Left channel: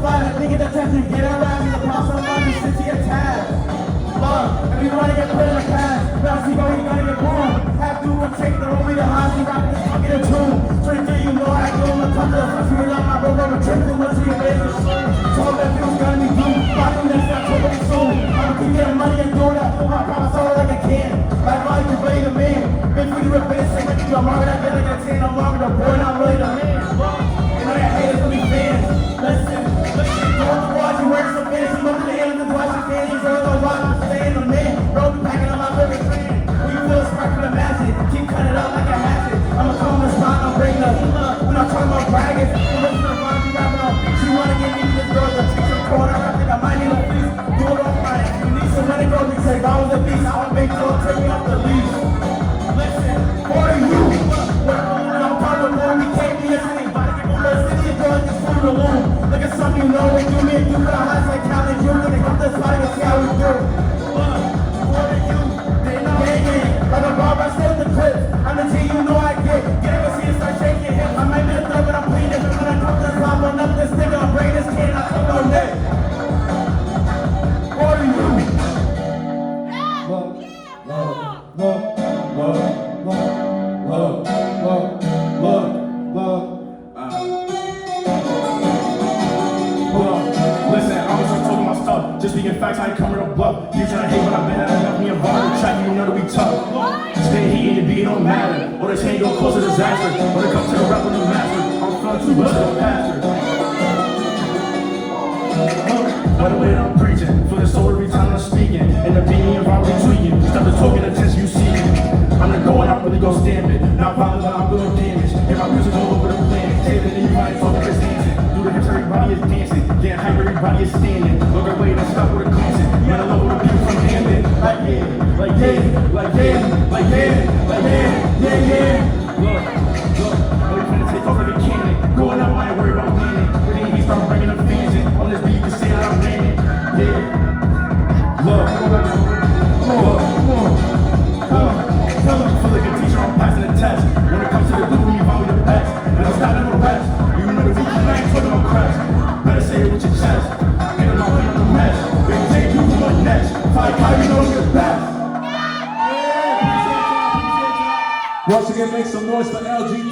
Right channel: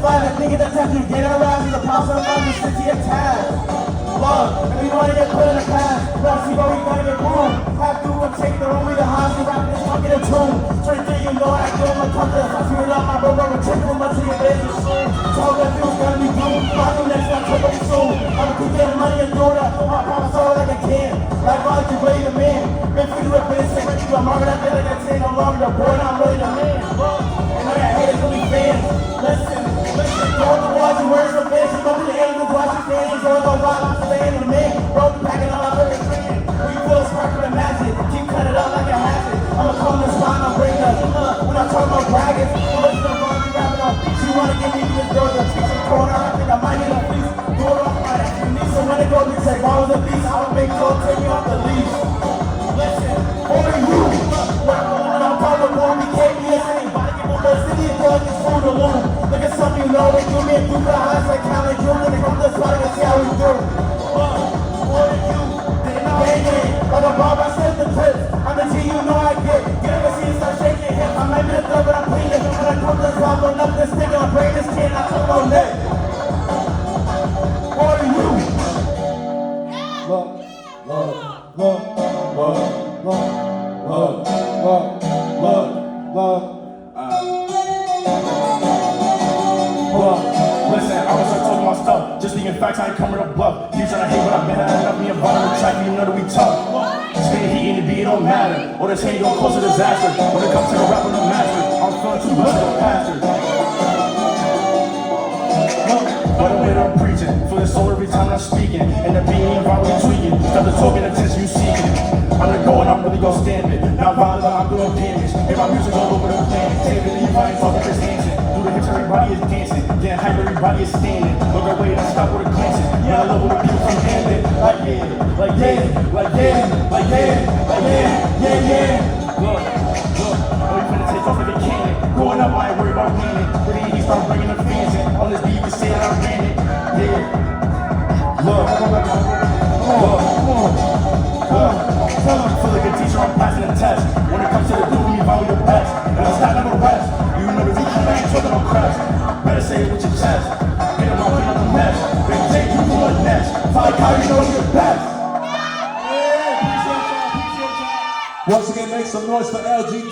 find a nigga that's actually getting around in the process of the city of tab. Love, if you wanna get put in the past, now see where we gotta get boom. Have to and take the only the highs and rap this fucking a tune. So you think you know I give them a couple of fucks with up my bro, I'm a triple much of your business soon. So all that feels gotta be due. Rockin' next not totally soon. I'm gonna get money and do that. I promise all that I can. Like why you play the man? If we do it for the same way you I'm longer than that 10, I'm longer the boy, I'm really the man. And all your haters will be fans. Listen, go on the watch and wear some fans. You up to the end of the watch and fans. All the while I'm staying the man. Bro, be packing on my living friend. When you feel sparkling magic, keep cutting it up like a hatchet. I'ma come in the spot, I'm breaking up. When I'm talking about bragging, I'm looking up while we rapping on. She wanna give me this girl that's some corner. I think I might need a piece. Do it all right. You need some money, go to check. I was a beast. I would make sure take me off the leash. Listen, for you. When I'm part of the room, we can't be listening. Body get on the city and go just through the loom. Look at something you know when you mean do the highs like Cali Drew. When they come to this body to see how we do. For you. Like a bomb, I slip the clips. I'm the G, you know I get. Get up and see it start shaking hip. I might be a throw, but I'm clean. If I'm gonna come to the top, run up this nigga, I'm bringing this kid, I come on lit. For you. Listen, I was just talking my stuff. Just speaking facts, I ain't coming to bluff. You tryna hate what I've been at, got me involved in trap, you know that we tough. Stay heating and beat, don't matter. Or this hate gon' cause a disaster. When it comes to the rap on the master, I'm feeling too much of a pastor. By the way that I'm preaching, feel the soul every time I'm speaking. And the beat me and vibe tweaking. Stop the talking attention you seeking. I'm the goal and I'm really gon' stand it. Not violent, but I'm doing damage. Hear my music all over the planet. Take it in your body, talking just dancing. Do the hips, everybody is dancing. Getting hype, everybody is standing. Look away, let's stop with a glancing. Yeah, I love when the people from handling. Like yeah, like yeah, like yeah, like yeah, like yeah, yeah, yeah. Look, I'm finna take off like a cannon. Going up, I ain't worried about landing. When he start bringing the fans in. On this beat, you can say that I'm landing. Yeah. Look. Feel like a teacher, I'm passing a test. When it comes to the dude, you value the best. And I'm not never rest. You know the root, I ain't talking about cracks. Better say it with your chest. Get him out, clean up the mess. Big J, you do what next. Fight how you know you're best. Once again, make some noise for LG3.